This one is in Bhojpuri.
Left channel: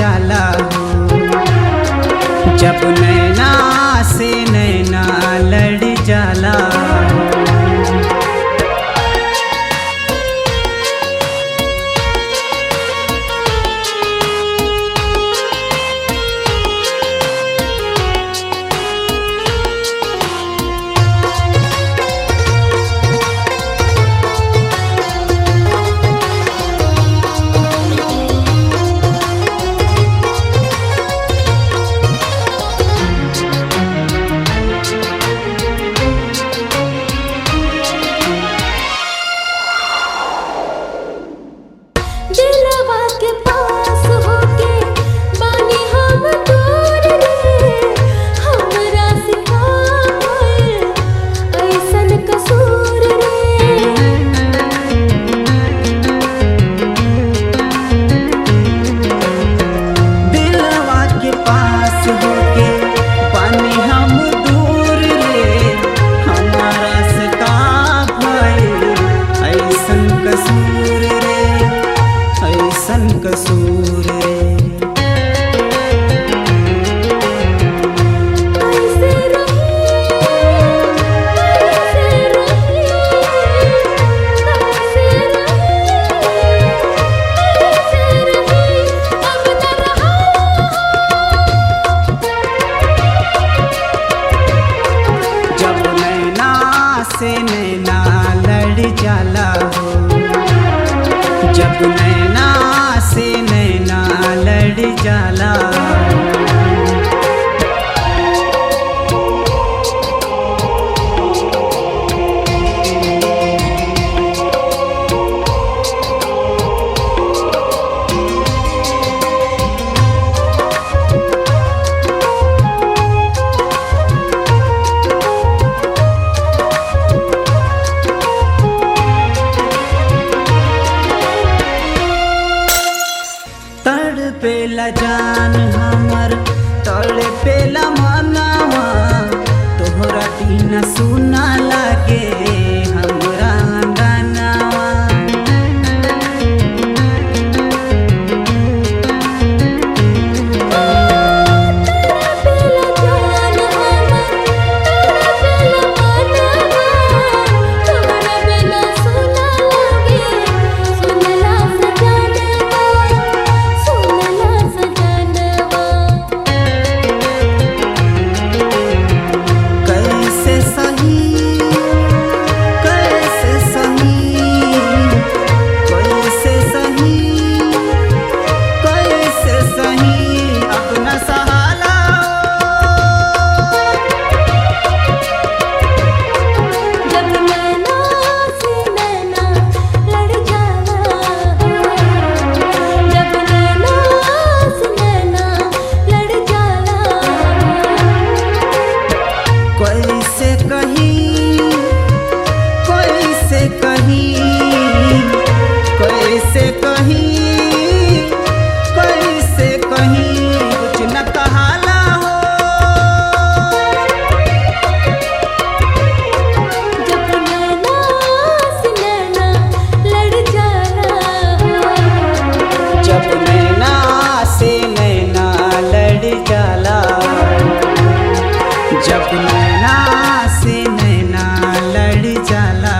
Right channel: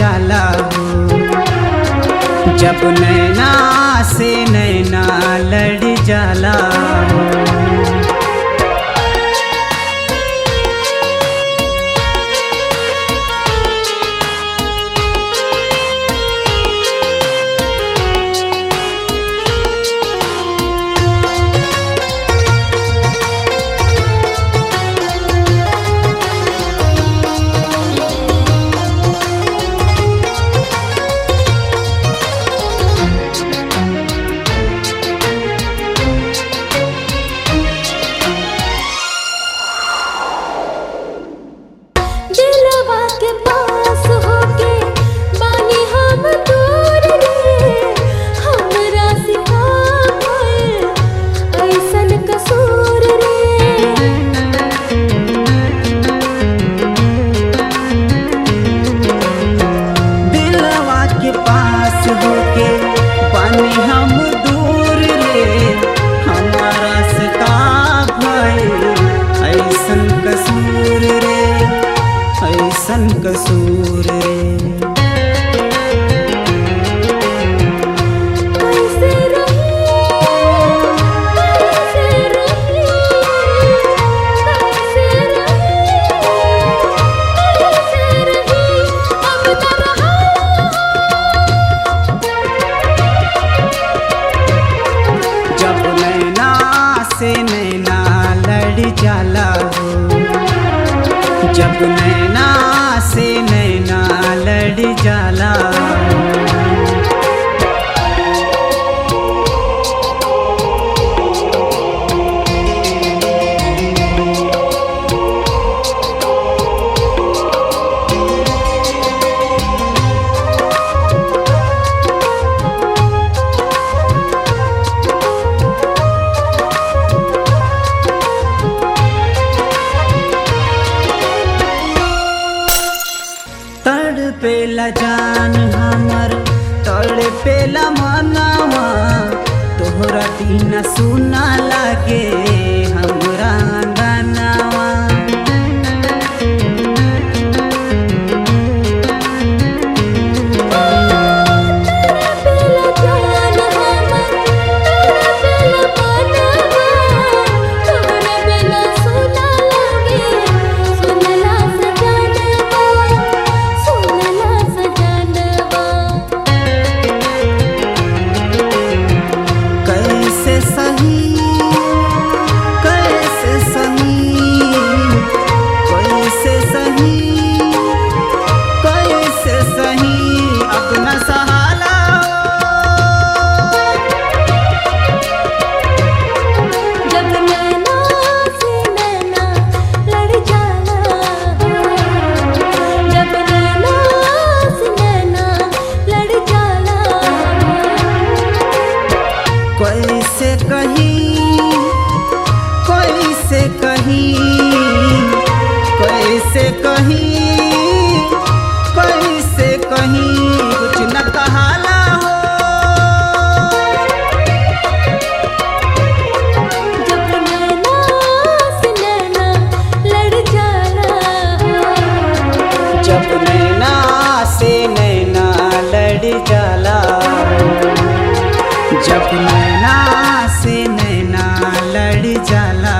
जाला हो। जब नैना से नैना लड़ जाला हो। दिलवा के पास होके बानी हम दूर रे, हमरा सिखा भइल ऐसन कसूर रे। दिलवा के पास होके बानी हम दूर रे, हमारा सिखा भइल ऐसन कसूर रे, ऐसन कसूर रे। कैसे रही, कैसे रही, कैसे रही, कैसे रही, अब न रहा। जब नैना से नैना लड़ जाला हो। जब नैना से नैना लड़ जाला हो। तड़पेला जान हमर तड़पेला मनवा, तोहरा बिना सुना लागे हमरा अंगनवा। तड़पेला जान हमर तड़पेला मनवा, तोहरा बिना सुना लागे सुनला सजनवा, सुनला सजनवा। कैसे सही, कैसे सही, कैसे सही, कैसे सही, अपना सहाला हो। जब नैना से नैना लड़ जाला हो। जब नैना से नैना लड़ जाला हो। कैसे कही, कैसे कही, कैसे कही, कैसे कही, कुछ न कहाला हो। जब नैना से नैना लड़ जाला हो। जब नैना से नैना लड़ जाला हो। जब नैना से नैना लड़ जाला